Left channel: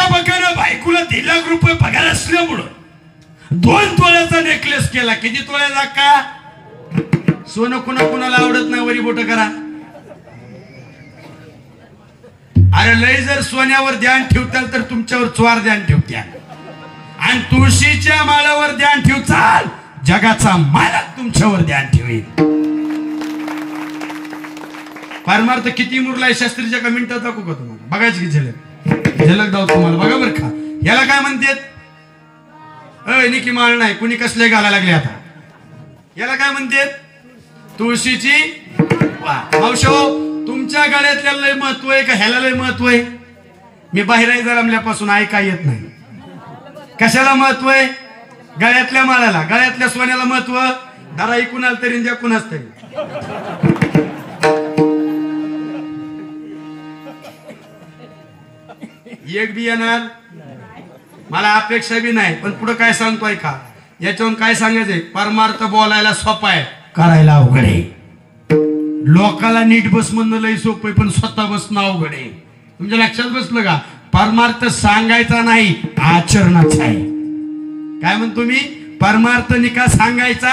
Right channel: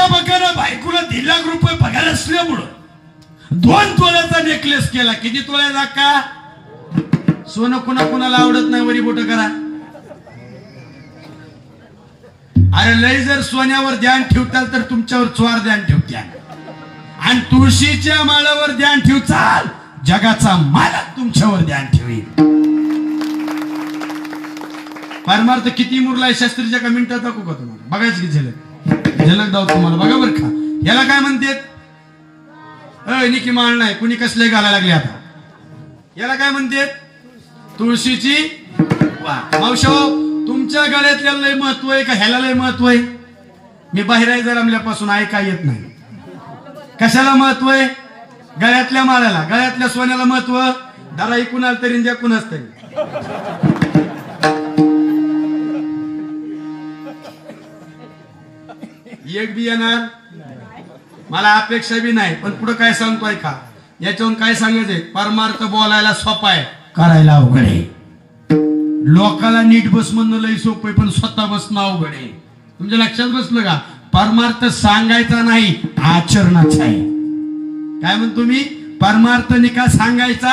प्राध्यापकानं बायकोला 1.5 लाख रुपये पगार असल्यामुळं 2 तोळ्याचा नेकलेस केला. किती तोळ्याचा का? सोनं कुणाला आवडत नाही वरी बोट करा. अरे लय जर सोन्यावर ध्यान ठेवताल तर तुमच्यावर चोर ध्यान ठेवत्या. आणि तुळशीच्या माळावर ध्यान ठेवचाल जगाचा मालक तुमच्यावर ध्यान ठेवेल. परमार्थ किती मुरलाय शास्त्रीच्या कमेंट दाखवू का तुम्हाला? बघायची की झलक दाव तुम्हाला. बघा बर का. याला काय म्हणतात? निकी माळ नाही कुणी कसले घालायला लागले आता. याला काय म्हणतात? तुळशीची मावशो. तुमच्या गळ्यातल्या लय महत्व आहे का ह्याला लय महत्व आहे? मी बाहेर जरमल्यापासून ऐका येत नाही. कशाला महत्व आहे? गळ्यातल्या माळाला, गळ्यातल्या सोन्याला महत्व. दारा कुणाला तरी ज्या कुणाच तरी. एक बी येणार मला अपेक्षा बी नाही. पण पुढे काय सांगतोय का? याच्यावरून काय सांगायचंय? परमार्थ बोलायला सोपा आहे, करायला अवघड आहे. लोकाला नीट बस म्हणणं लय सोपं आहे, पण स्वतः बसणं अवघड आहे. तुमच्या लक्षात बसलं का? परमार्थ सांगायचा नाही, आचरणाचा आहे. काय म्हणतो मी? परमार्थ निका सांगायचा,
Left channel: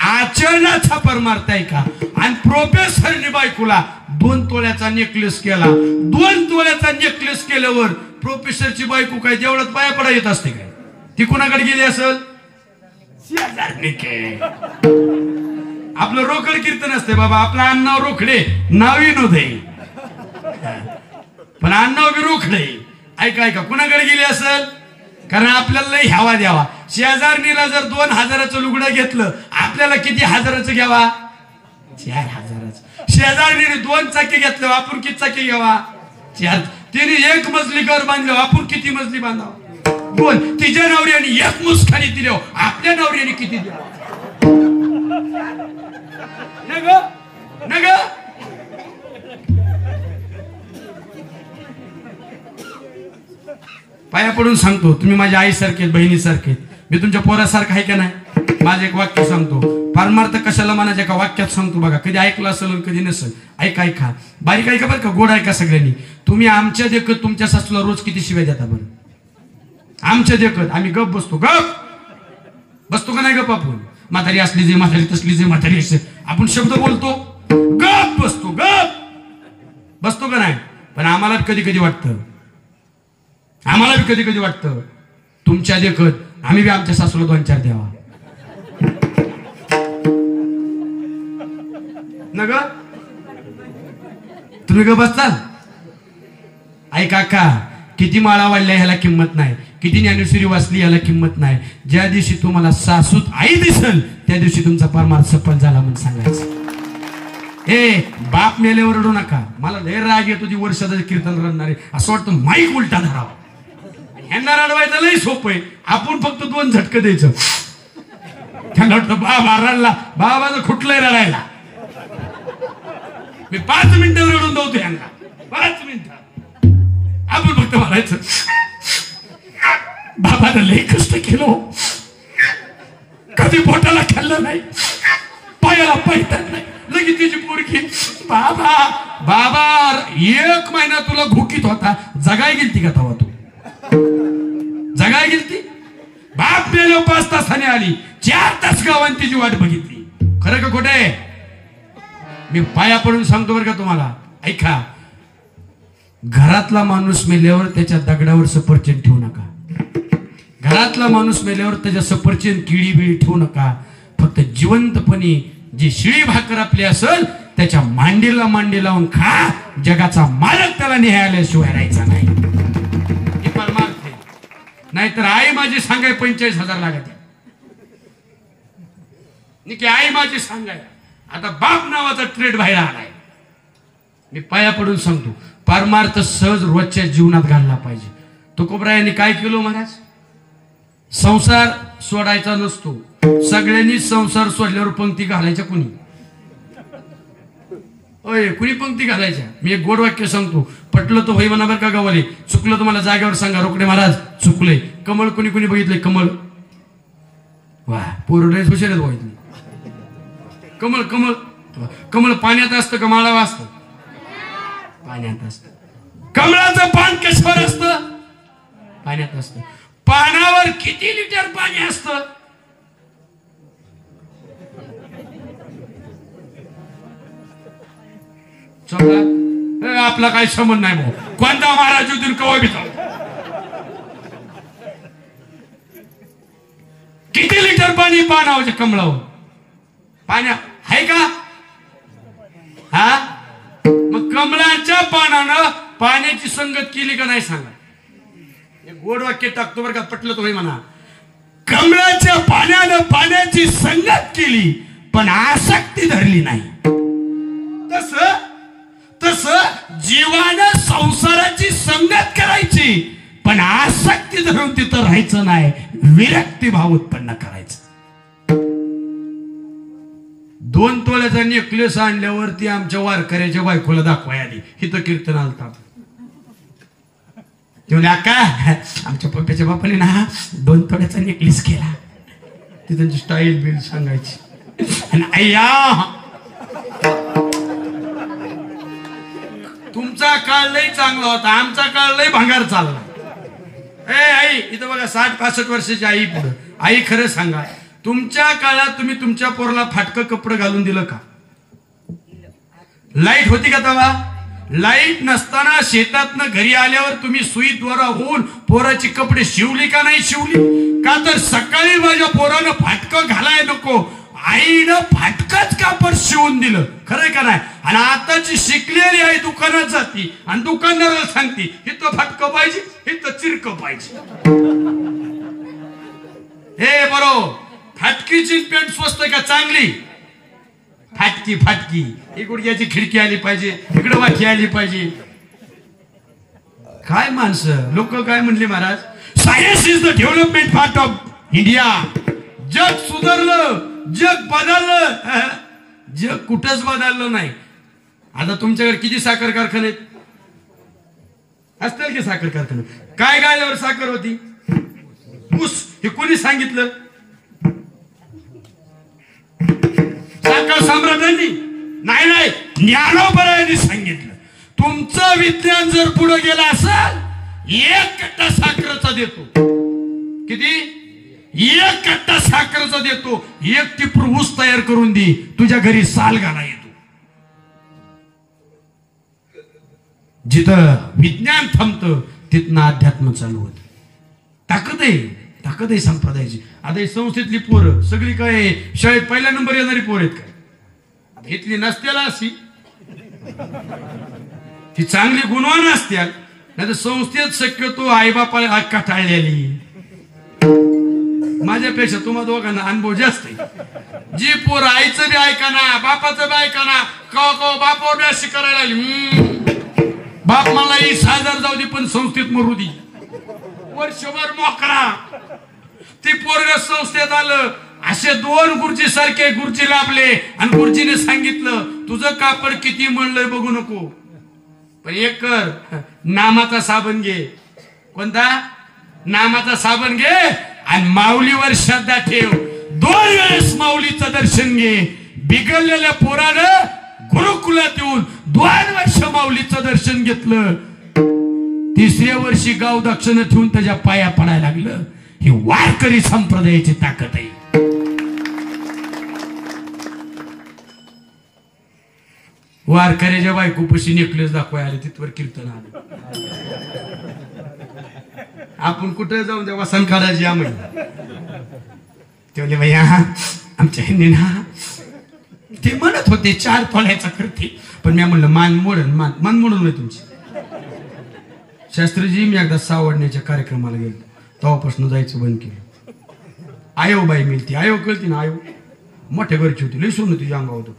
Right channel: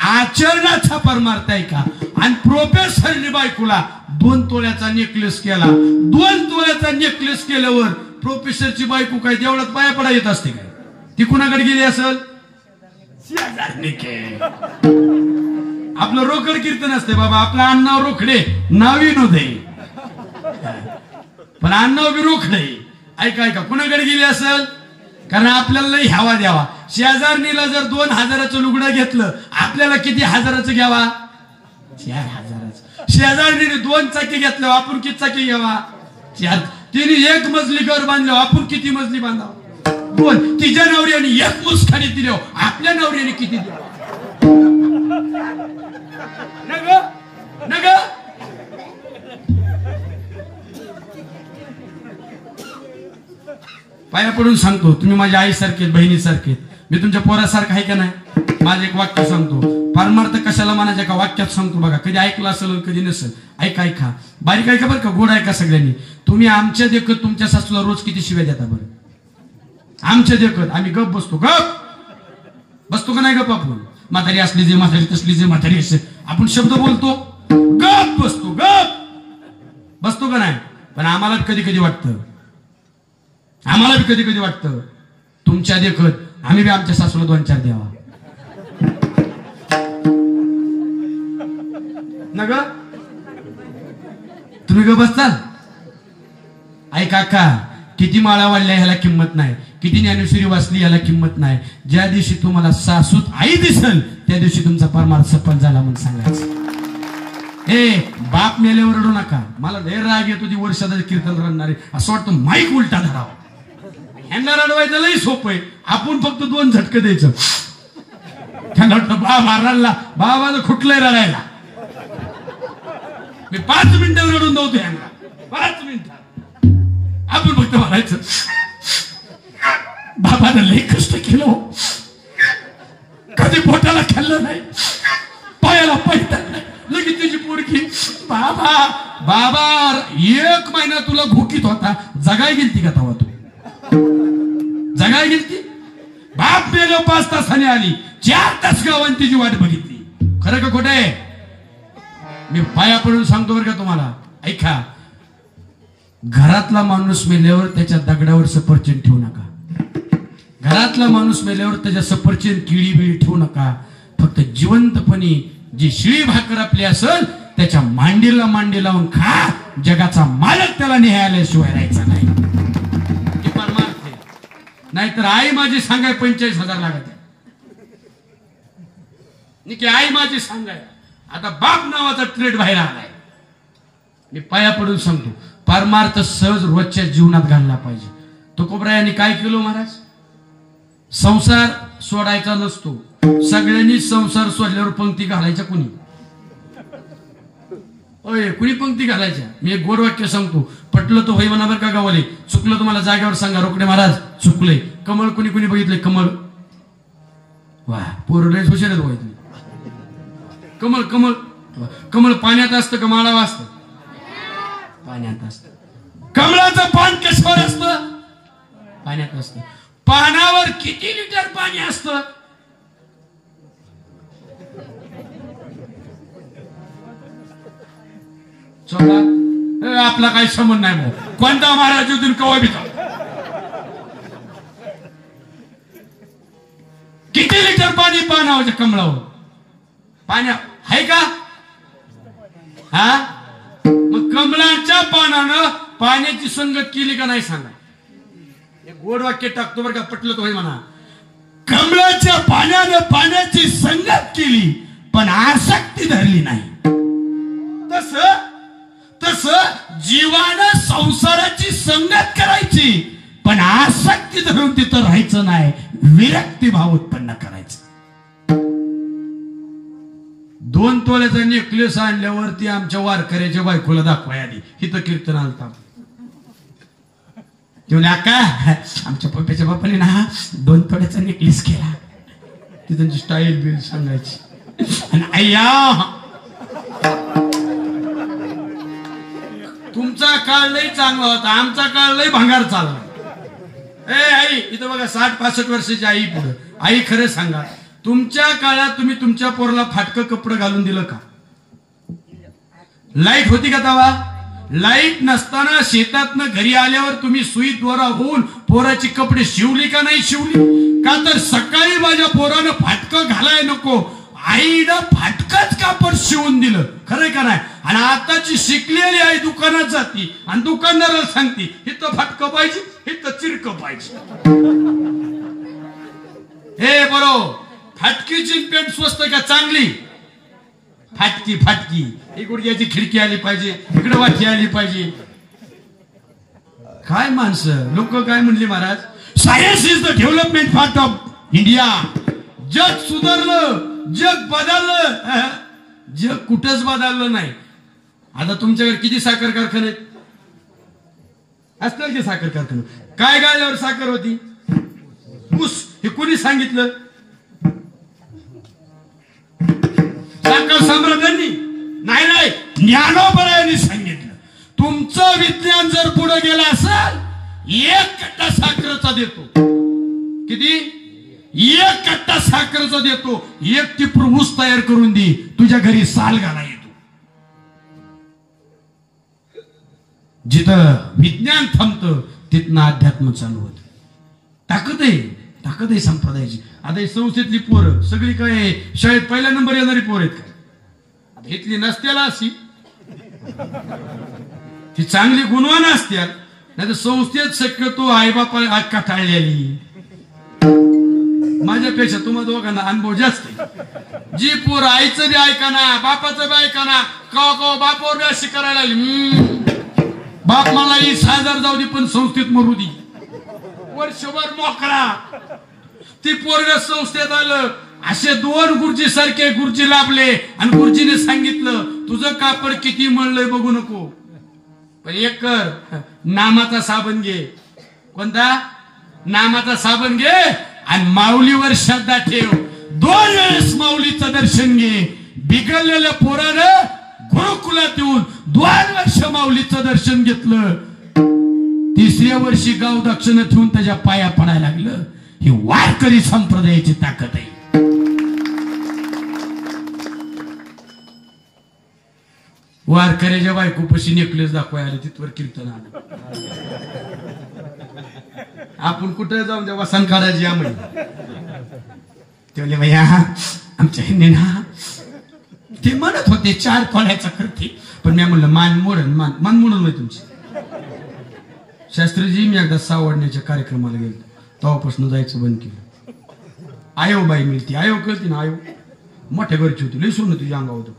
आचरणाचा परमार्थ आहे का? आणि प्रोफेसरनी बायकोला 2 तोळ्याचा नेकलेस केला. 2 तोळ्याचा नेकलेस केल्यावर प्रोफेसरची बायको काय देवळात पाया पडा येत असते काय? ती कुणाकडे गेली असेल? आपलं रोकड कीर्तन असते बाबा. आपलं अण्णाव रोकडे नावी नव्हते, पण अण्णाव बी रोकडे. ऐका कुणाकडे गेली असेल? कारण आपल्याला लई ह्यावा द्यावा. शेजारणीला जर 2,000चं लुगडं घेतलं, आपल्याला किती हजाराचं घ्यावा? 4,000चं. शेजारणीने 2 चाकी घेतलं, आपण किती चाकी घ्यावा? 4. तिने 1 मजली घर बांधलं, आपण किती मजली बांधावं? 2. तिच्या नवऱ्याने 1 मुसखाने दिली, आपल्या नवऱ्याने किती द्यावा? नग पाया पडून सांगतो, तुम्ही माझ्या आईसारखे, बहिणीसारखे. मी तुमच्या पोरासारखं आहे का नाही? माझं एक वाक्य सांगतो. परमार्थ कशाला म्हणायचं का वाक्यात सांगतो बघा. कधी ऐकलं असेल कधी नसेल. ऐका बारीक ऐका बरं का. गोड ऐका सगळ्यांनी. तुम्ही आमच्या देखत तुमच्या सासूला रोज किती शिव्या देता बरं? आमच्या देखत आम्ही गप बसतो का नाही? गप आपण म्हातारी असली जे म्हातारी तसली जे म्हातारी असे आपण शब्द बोलतो, गप बसतो का नाही? पण आम्हाला कधी कधी वाटतं तुमच्या देखत आम्ही बी आमच्या सासूला 2-4 द्यावा. नग तुम्ही ग बसताल? ऐका का. किती माळा वाढल्या ह्याला किंमत नाही, किती ज्ञानेश्वरी वाचली याला किंमत नाही. ज्या दिवशी तुम्हाला सासूत आई दिसल त्या दिवशी तुमचा परमार्थ सफल झाला म्हणून सांगायचं. बाप मेल्यावर रडू नका. मला लय राग येतो ती वर्षाचं कीर्तन रडणारे. असं वाटतं माईक उलटा धरावा. ह्यांना रडवायचं लय सोपं आहे. आपण फक्त 2 झटकं द्यायचं. त्यांना वाटतं बाबा रडला, बाबानं खुटलंय रडायला. मी 5 मिनिटं रडून नव्हतो ह्यांना. 5 मिनिटं आपण फक्त म्हणायचं बाबानं लय कष्ट केलं, कधी पोटाला खाल्लं नाही, पायाला पैठण नाही. लगेच तिची पोरगी बाबा 1 महिना तुला भुकीत होता, जगाय गेलती का तवा? तू जगाय गेलती? बाप मेल्या 5 तासाने आली, 4 तास गावाने तिची वाट बघितली. खरं का खोटं आहे? मी पाया पडून सांगतो बरं का तुम्हाला. ऐका, घरातला माणूस मेल्यावर त्याच्या दगडावर सफरचंद ठेवू नका. घरातला माणूस मेल्यावर त्याच्या सफरचंद केळी बिळी ठेवू नका. फक्त जिवंतपणे जी शिळी भाकर आपली असेल त्याच्या मांडी लावून खा. जगाचा मालक त्याला न्यायालयाशिवाय राहायचा नाही. हे परमार्थ आहे. नाहीतर आई माझी सांगाय 45,000 लागत. की आई माझी सांगाय. आता बाप नावाचा ट्रेड बाहेर आलाय. मी पाया पडून सांगतो, परमार्थ सहज रोजच्या जीवनात घालला पाहिजे. तुकोबरायांनी काय केलं महाराज? संसार सोडायचा नसतो. सगळ्यांनी संसार सोडल्यावर पंक्ती घालायच्या. कुणी पंक्ती घालायच्या. मी एक गोड वाक्य सांगतो, पटलं तर होई म्हणा बरं का गावाले. चुकलं तुम्हाला जागेवर सांगा. रोकडे महाराज चुकले. कमळ कुणी कुणी बघितलंय? कमळ वा पूर्ण हुशार आहेत तुम्ही. कमळ कमळ कमळ पाण्यात असतं का माळावर असतं? पाण्यात असतं. कमळाचं पान कशावर असतं? पाण्यात असतं. पाण्यावर किती लिटर पाणी असतं? चौदा. आपला काही संबंध नाही भाऊ. कोणता महाराज होती कवा बी किती लिटर पाणी पाण्यावर कमळावर पाण्या आहे का? हा मग कमळाच्या पानानं पाण्याची संगत केली का नाही सांगा. एक गोड वाक्य टाकतो बरं का, पटलं तुम्ही म्हणा. कमळाच्या पाण्यानं पाण्याची संगत केली पण आसक्ती धरली नाही. तस जीवानं संसाराची संगत करायची पण आसक्ती धरून तिथं राहायचं नाही. विरक्ती भाव उत्पन्न करायचं. 2 तोळ्याचा नेकलेस आणल्यावरती आमच्या वारकऱ्याच्या बायकोला दाखवाय आली. हिथं कीर्तन आलता. तेवढे अक्का आमच्या पप्पाच्या बापाने ना 2 तोळ्याचा नेकलेस केला. ती त्यांची स्टाईल बिल सांगायची. आणि अय्या तुमचा काळ लय चांगला होता, आमचा काळ लय भंगार चालला. आई इथं बघा 60-65 वर्षाची आई पुढे. आई खरं सांगा, तुमच्या काळात तुम्ही तुमच्या पोराला फाटकं कपडं घालून दिलं का? लाईट होती का तेव्हा? लाईट नसताना शेतातनं घरी आल्यावर तुम्ही सुईद्वारा होऊन पोराची कपडे शिवली का नाही शिवली? का तर सकाळी माझ्या पोरानं फाटकं घालाय नको, आईनं फाटकच कापड शिवून दिलं. खरंय का नाही? आणि आताची शिकलेली आई दुकानात जाती आणि दुकानदाराला सांगते इथं फाटकं पाहिजे, इथं चिरकं पाहिजे. हे बरोबर, फाटकीची पेंट स्वस्त का चांगली? फाटकी ही गुडघ्याची खिडकी आली पाहिजे, इकडे वाटी आली पाहिजे. काय माणसं लोक काय म्हणले Maharaj, science is the development part of India. जग सुधारलं, जग बदललं. जग कुठंच बदललं नाही. आता तुमच्याकडे किती साखर कारखाने असतील की? साखर कारखाने काय गाड्यावर साखर होती? ऊस. हे कोणी सांगितलं? साखर सम्राटांनी नाही, ज्ञानोबरायांनी सांगितलं. तुमचं विज्ञान जर पुढे गेलं असेल, 1 कट्टा साखरेचा देतो. किती? 1 कट्टा साखरेचा देतो. 1 टिपर ऊस तयार करून दे, तुझ्या घरी साल गाडा येतो. जिथं विज्ञान थांबतं तिथनं अध्यात्म चालू होत. ताकद आहे संप्रदायाची. आता ही संस्थेतली पोरं सगळी काय शाळेत पहिल्या नंबर येणारी पोर आहेत का? इथली नसत्याला अशी ती चांगली गुणवान असत्यात. नाही तर संस्थेत शक्यतो आईबापाला कटाळलेली. माझ्यापेक्षा तुम्हा दोघांना अनुभव जास्त आहे. जी पोर आईचं बी ऐकाना, बापाचं बी ऐकाना, कवा बापावर बी अशी करायला लागली. बाप मला 20,000 जाऊ दे पण संस्थेत मरू दे. वर्षभर मोकळा. ती पोरग संस्थेत आलं, असे 2 गुरुजी सारखे गुरुजी लाभले आणि गुरुजीने सांगितलं तुझं कापड किती म्हणलंय बघू नको, पण एक कर, नामाचा साबण घे. कोणता? नामाचा साबण घे आणि माऊलीवर श्रद्धा ठेव. 2 वेळेस माऊलीचं दर्शन घे. बिघडलेल्या पोरानं गुरुकुलात येऊन 2 वर्ष माऊलीचं दर्शन घेतलं. 3ऱ्या वर्षी गाव दक्षिण ठेवून त्याच्या पाया पडायला लागलं. ही वारकरी संप्रदायाची ताकद आहे. वारकऱ्याच्या बायकोपाशी नेकलेस दाखवायला आले, तिथवर कीर्तन आलं. आपण कुठे जाऊन जेव्हा संकाराची आम्ही ते म्हणले भैया आमच्या हिंदी ना ते म्हणत होते 4 तोळ्याचा करते, पण मी म्हणलं मान मोडून नाही तुमची. शास्त्रीजी मी एकदा सावडण्याच्या कार्यक्रमाला गेलो, तेव्हापासून जायचं बंद केलं. आयो बाई मिळती, आयो कळती ना, आयो मोठ्या घरची होती, लई सोनं तुझ्या अंगा होतं.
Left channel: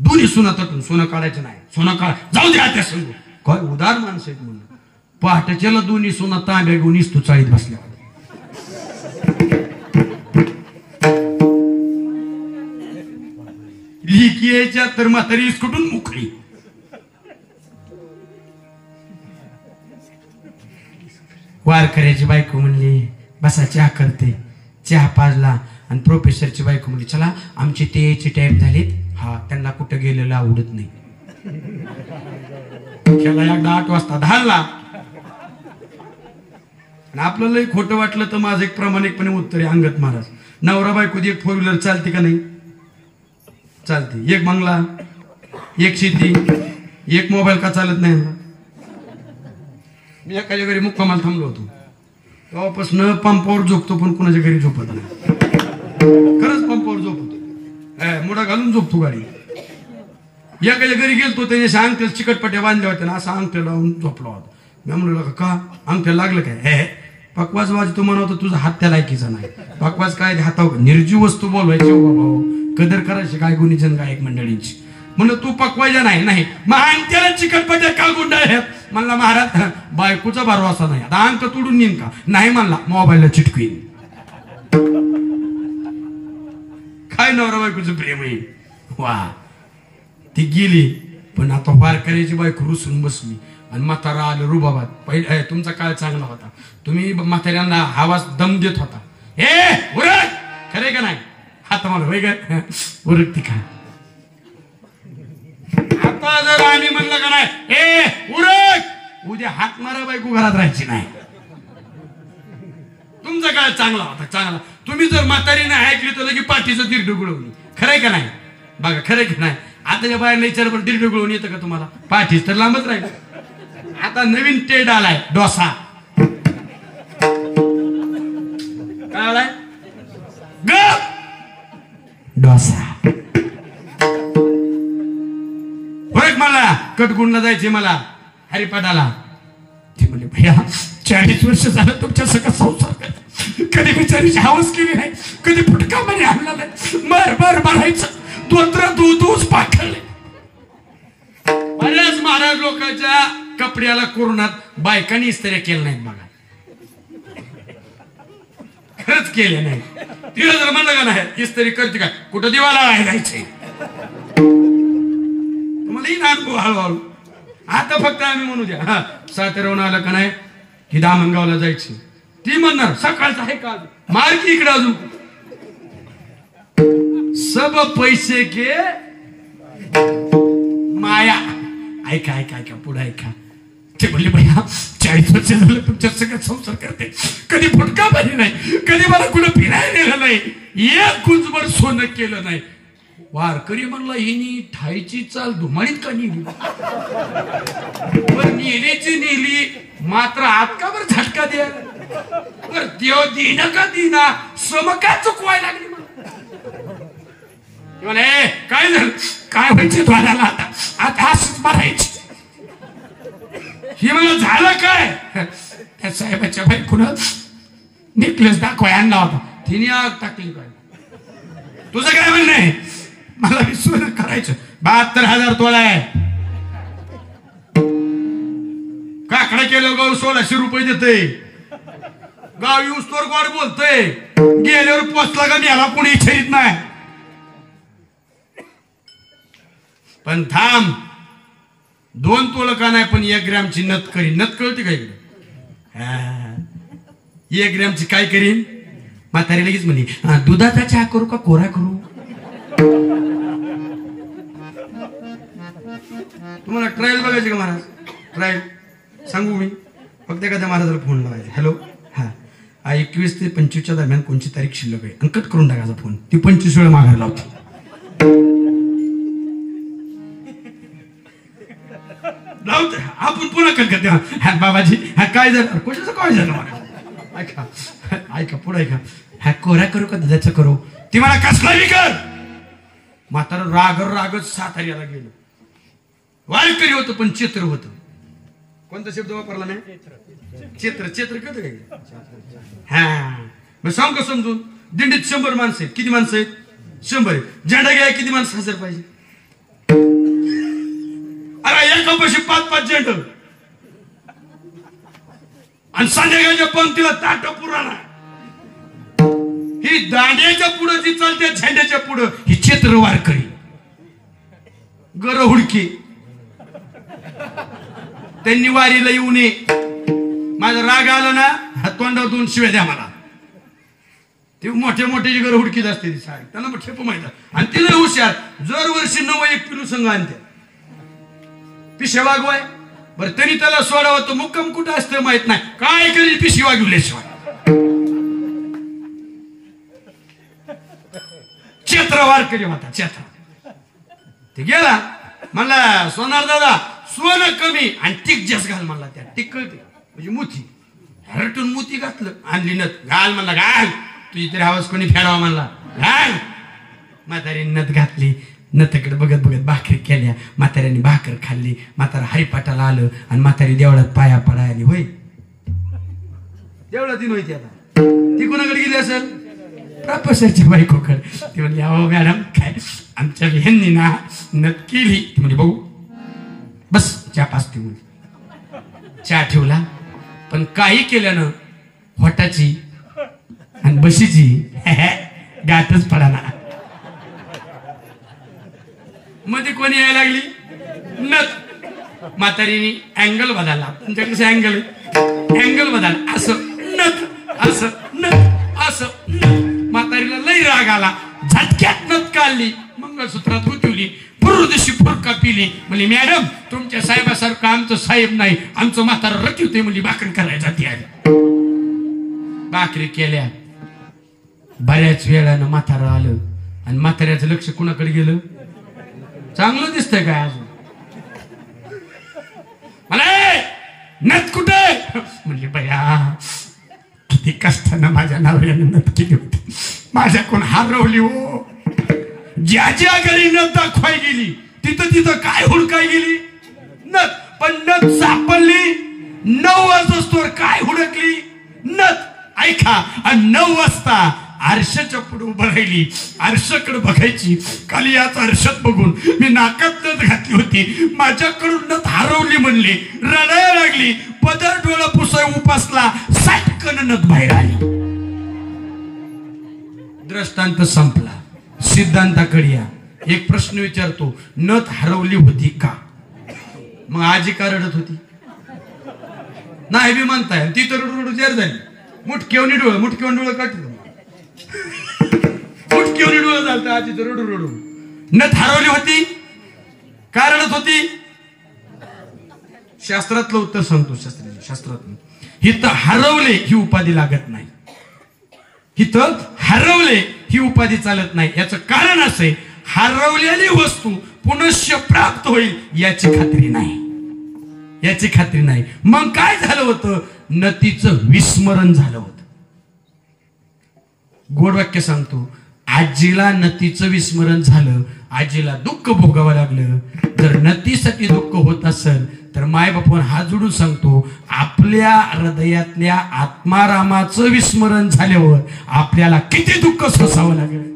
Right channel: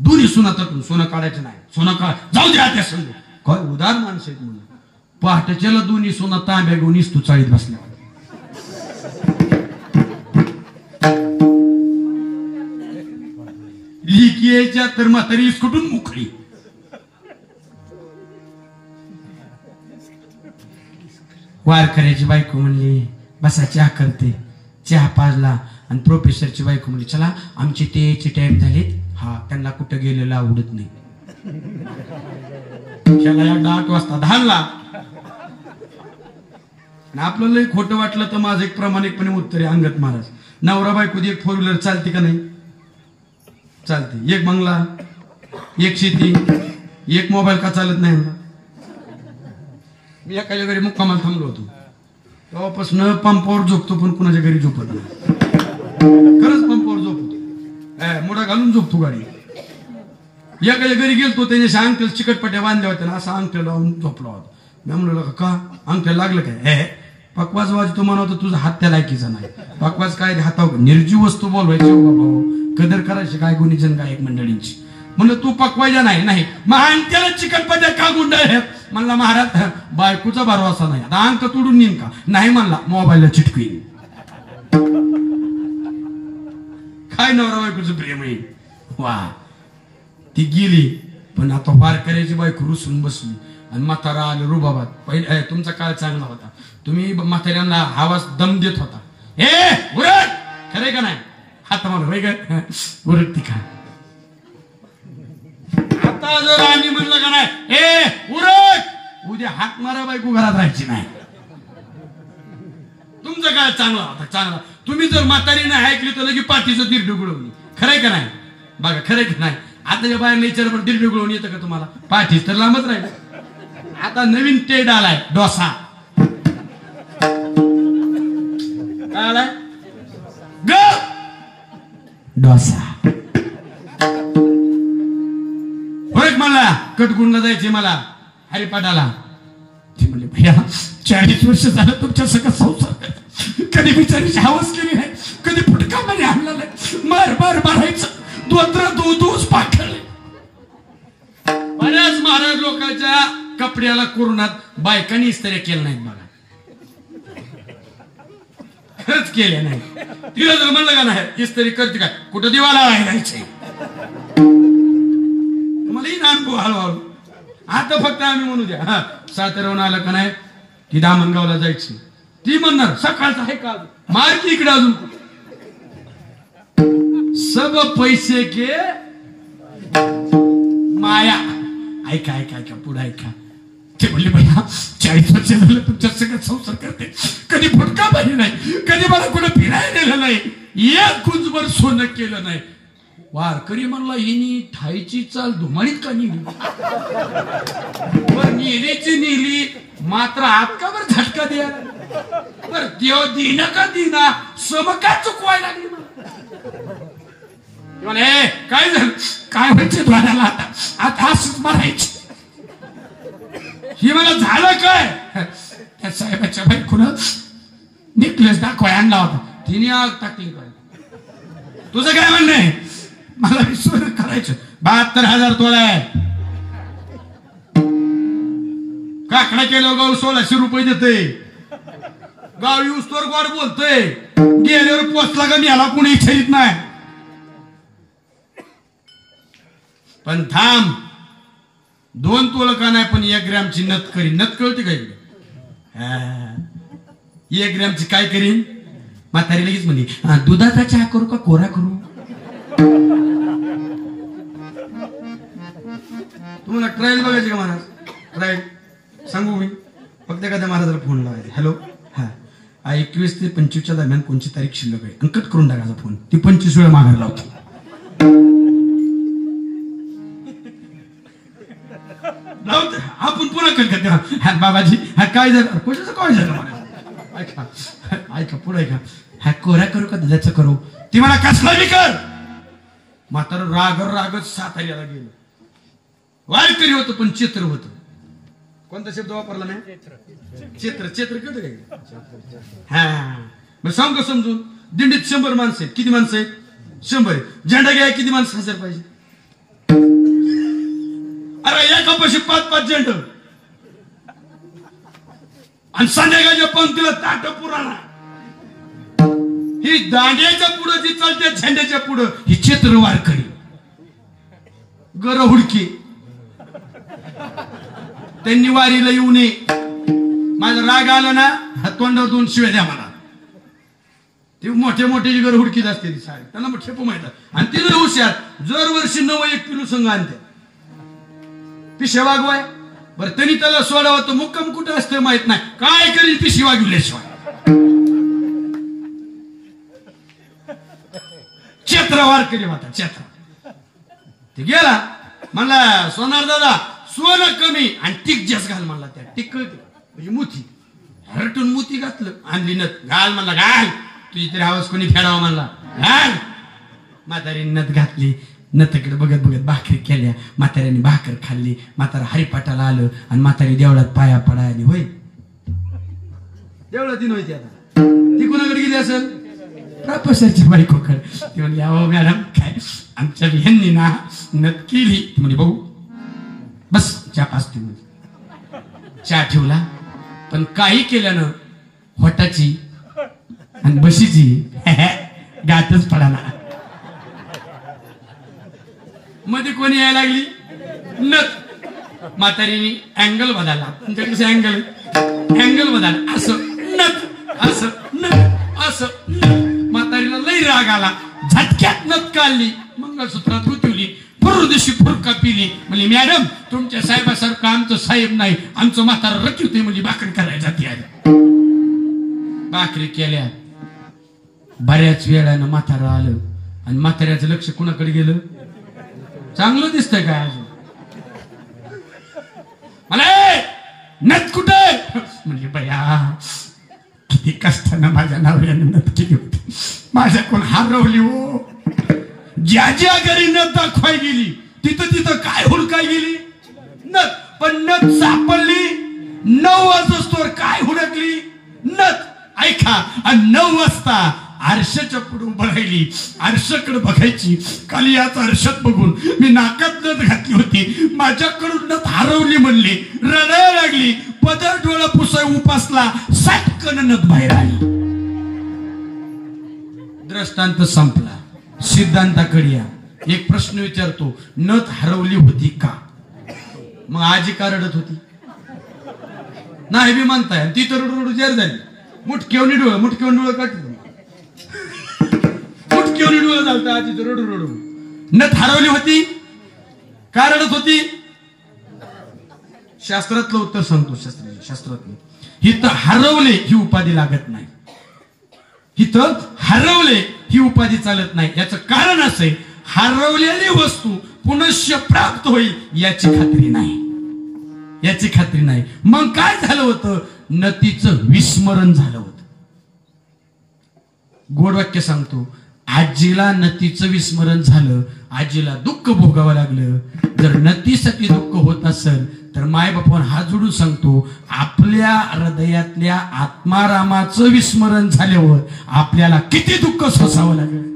दोन्ही सोना तटून सोनं काढायचं नाही, सोनं काढ जाऊ द्या त्या संग. काय उदार माणसं आहेत म्हणून. पहाटेच्याला दोन्ही सोना तांब्या घेऊन इस्तू चाळीत बसला. लिकी यायच्या तर म्हातारी कुठून मुकली. वारकऱ्याची बायको म्हणली बसा चहा करते. चहा पाजला आणि प्रोफेसरची बायको म्हणली चला आमचे ते टाइम झालेत. हा त्यांना कुठं गेलेलं आवडत नाही. त्याला एकदा 8 वाजता धाडला. आणि आपलं लय खोटं वाटलं तर माझं एक प्रामाणिकपणे उत्तर आहे अंगत महाराज. नवरा बायको एक 4 व्हीलर चालते का नाही? चालते. एक बंगला, एक शेती, एक मोबाईल का चालत नाही? मी एखाद्या घरी मुक्कामाला थांबलो होतो, तेव्हापासून पंपावर झोपतो, पण कुणाच्या घरी झोपत नाही. खरंच पंपावर झोपतो, मुडा घालून झोपतो गाडी. एखाद्या घरी गेलतो, त्याने अंगठ्याला चिकटपट्या बांधल्या होत्या, असा अंगठ्या लावून झोपला होता. मी म्हणलो का अंगठ्याला लागलं काय? हे पकवाज वाज तू म्हणतो तुझा हात त्या लायकीचा नाही. पकवाज काय हातावर निर्जीव वस्तू बोलवायची भाऊ, कदर करायची काय गुणीजन गायक मंडळींची. म्हणलं तू पकवायच्या नाही मग अंगठ्याला चिकटपट्या का गुंडाळ्यात? म्हणला महाराज बायकोचा भरवसा नाही, आता अंक तोडून येईन का? नाही म्हणला मोबाईलला चिटकवीन. काय नवरा बायकोचं प्रेम आहे वा. ती गेली, पण आता वारकऱ्याची बायको रुसून बसली आणि म्हातारा आलं रुबाबात. पहिले तुमचा काळ चांगला होता, तुम्ही म्हाताऱ्यांना आवाज दम देत होता. हे उरक, खरे का नाही? हात मला वेगळ उरक ती काय. आता जर आम्ही म्हणलं का नाही हे उरक, उद्या हात मारा बायको घरात राहायची नाही. तुमचा काळ चांगला होता, चांगला. तुम्ही जर म्हातारीने ऐकली तर लगे पाठीचं दीड डुगळवली. खरंय का नाही? बघा खरंय का नाही? आता बाहेर विचार पण दीड डुगळवून येतं का तुम्हाला? पाठीच तर लांबच राहील. आता नवीन टेड आलाय, डोसा. काय आलाय? डोसा. मला कटगुणला जायचे, मला हरिपाठाला. ते म्हणले भैया 40 वर्ष झालं तुमच्या सगळं संसार, कधी बिचारीची हवस केली नाही, कधी फुटका मध्ये आणला नाही. मार मारायचं, दोष पाखडले. बऱ्याच महाराज लोकांच्या कपड्याला कोरोनात बायकांनी इस्त्र्या केल्या नाहीत बघा. खरंच केल्या नाही. तिला जर म्हणलं का नाही इस्त्री करते काय, कुठं दिवाला राहायचे. मला ही अनुभव हळूहळू. आता फक्त आम्ही म्हणू द्या साताऱ्याहून आलं का नाही की दामणगावला जायचं, ती म्हणणार सकाळचं आहे का मार्गी इकडे अजून सब पैसे के माया. ऐका पुढे ऐका. ते म्हणले भैया 40 वर्ष झालं तुमच्या सगळ्यात संसार करते, कधी फुटका बनी नाही, कधी मला कुठं फिरायला नेलं नाही, एक गुंजभर सोनं केलं नाही. वारकरी म्हणला हिनी ठाईची चाल धुमाळीत का नेली? बर नेलीची नेली, मात्र आत का बर झटका द्या. बर देव देणं का देना, सम का चुकवायला लागली म्हणे. काय झालं? काय व्हायचं द्वाराला आता असंच मारायची. ही मला झालं काय? त्या साहेबाच्या बायकोनं नेकलेस दाखवाय आणला होता, तिने आग टाकली. काय तुझं काय म्हणणं आहे? मला सोनं करायचं. 72,000 तोळा आहे. काकडा केलं गाव 1600 रुपये देते. गाव येऊस तर गोड बोलतोय, गेल्यावर पोचला का याला कोणी इच्छित नाही. पण थांब, 2 तोळ का नाही, पण 1 ग्रॅमची नथ करीन. नथ कळते काय? 1 ग्रॅमची काय करीन? म्हातारी लगेच म्हणली दुधाचा चहा करू का कोरा करू? तुम्हाला ट्रायल बघायची का महाराज? ट्रायल सांगू मी फक्त एखाद्या महाराजाला फोन लावायचा. हॅलो, हा 21 ते 25च्या दरम्यान कोणची तारीख शिल्लक आहे? अंकट करून टाकायचा फोन. ती 25 वेळा मागायला होती. आपण पुन्हा करते. हा बाबाजी, हा काय झालं? कशाचं काय झालं? ऐका पुढे ऐका. हा कोरा करू का दुधाचं करू? ती मला कसला कर. म्हातारा रागच साताऱ्याला गेलो. वारकरी होतं पण चित्र होतं. कोणता शब्द वापरला नाही? चित्र कळतं काय? हा मग सांग का समजून. दिंडीत 100 माणसं आहेत. किती माणसं आहेत? 100. झेंडा घ्या किती माणसं हजर पाहिजे? अरे एकापाशी 5-5 झेंड. आणि संध्याकाळच्या पंक्तीला ताट पुराणा. ही दांड्याच्या पुढं जी चालते, झेंड्याच्या पुढं ही चित्र वारकरी. गर हुडकी. त्यांनी वारीला येऊ नये. माझा राग आला ना, तोंडावर 2 शिव्या द्या मला. ते मोठे जी गर हुडकीत असते ती सारी. त्यांना मग ठेप माहिती. आणि तिला हुशार दरवर्षी 9 एक पिलू संघ आणते. पिशा वागवाय बरं तरी त्याला सोडावं तर मुक्काम कुठं असतं माहित नाही, काय करील पिशी वागवल्याशिवाय. चेत्र वारकरी होता चेत्र. ते गेला म्हणला सोनार दादा सोनं कमी आणि टिक जास्त घाल म्हणला. त्या टिक म्हणजे मोती हरटून मोती घातलं, आणली नथ घाल म्हणला, घाल तुझी तरी आवाज कोणी फेडावा म्हणला, घाल. म्हातारी नथ घातली, नथकडे बघत बघत भाकरी केल्या. म्हाताऱ्याने भाकर खाल्ली. म्हातारा हरिपाठाला आलं आणि म्हातारी देवळात पाया पडाय आली. होय देवळात दिन होती. आता ती कोणाकडे गेली असेल, प्रोफेसरच्या बायकोकडे. ती म्हणली अहो मॅडम काय आमच्या ह्यांनी ना नथ केली. ती म्हणजे बघू बस चहा पाचते म्हणजे चहा ठेवला. पण काही केल्यानं होटाची आणि बशीची गाठच पडाना. मध्ये कोणी यायला लागली नथ. म्हातारीने अँगल बदलला. तुमच्याकडे अँगल अँगल बदलला. असं नथ असं नथ असं नथ. म्हातारीला लई राग आला. झटक्यात नथ काढली, मंगळसूत्रात उठवली, पूर्वदिशी फुरका पिली. म्हणजे मॅडम तुमच्या साहेबासारखं आमचं साहेब नाही, आमचं म्हातारा रखवते म्हणजे भाकरी करायला जाती आली. भाकरी केल्या. बऱ्याच वेळानं म्हातारा आलं आणि म्हाताऱ्याचं लक्ष कुणाकडे गेलं. चांगलं दिसतंय काय अजून, मला नथ कुठे म्हणजे बया किती कष्टानं माझ्या नवऱ्यानं नथ केली होती, माझ्याकडून हरवली हो. ज्या ज्या घरी नथ दाखवाय गेली तिथं तिथं काय हुडकाय गेली नथ. पण नथ सापडली 9 वाजता. काय हुडकली नथ. ऐका आणि 9 वाजता आरशाच्या पुढे उभं राहिली. आरशाकडे बघायची. काल याच आरशात बघून मी नाकात नथ घातली होती, माझ्याकडून नथ हरवली म्हणली. रडायला लागली. पदर डोळा पुसाय उपासला. साटकन नथ बाहेर आली. दृष्टांत संपला. सिद्धांताकडे या. एक प्रश्न विचारतो, नथ हरवली होती का? मग आजी का रडत होती नाही बी म्हणताय. ती तर रडू जेर झाली. मुठकेवणी डोळं मुठकेवणी डोळं काढते. मुठकेवणी डोळं झालं आजी तर रडू रडू. नथ हरवली होती का रडत होती? शास्त्रातलं उत्तर सांगतो. शास्त्रातलं हिथं हरवले ही उपाधी लागत नाही. हिथं हरवले ही उपाधी चालत नाही. याचं कारण असे, हरवलेली वस्तू पुनश्च प्राप्त होईल याची खात्री नाही. याची खात्री नाही. मग काय झालं होतं, नतीचं विस्मरण झालं होतं. गोड वाक्य सांगतो, आजीला नतीचं विस्मरण झालं. आजीला दुःख भोगावं लागलं. जर नतीसाठी दुःख होत असेल तर माय बापून हात जोडून सांगतो, आपल्या हृदयातल्या आत्मारामाचं विस्मरण झाल्यावर आपल्याला किती दुःख सोसावं लागेल.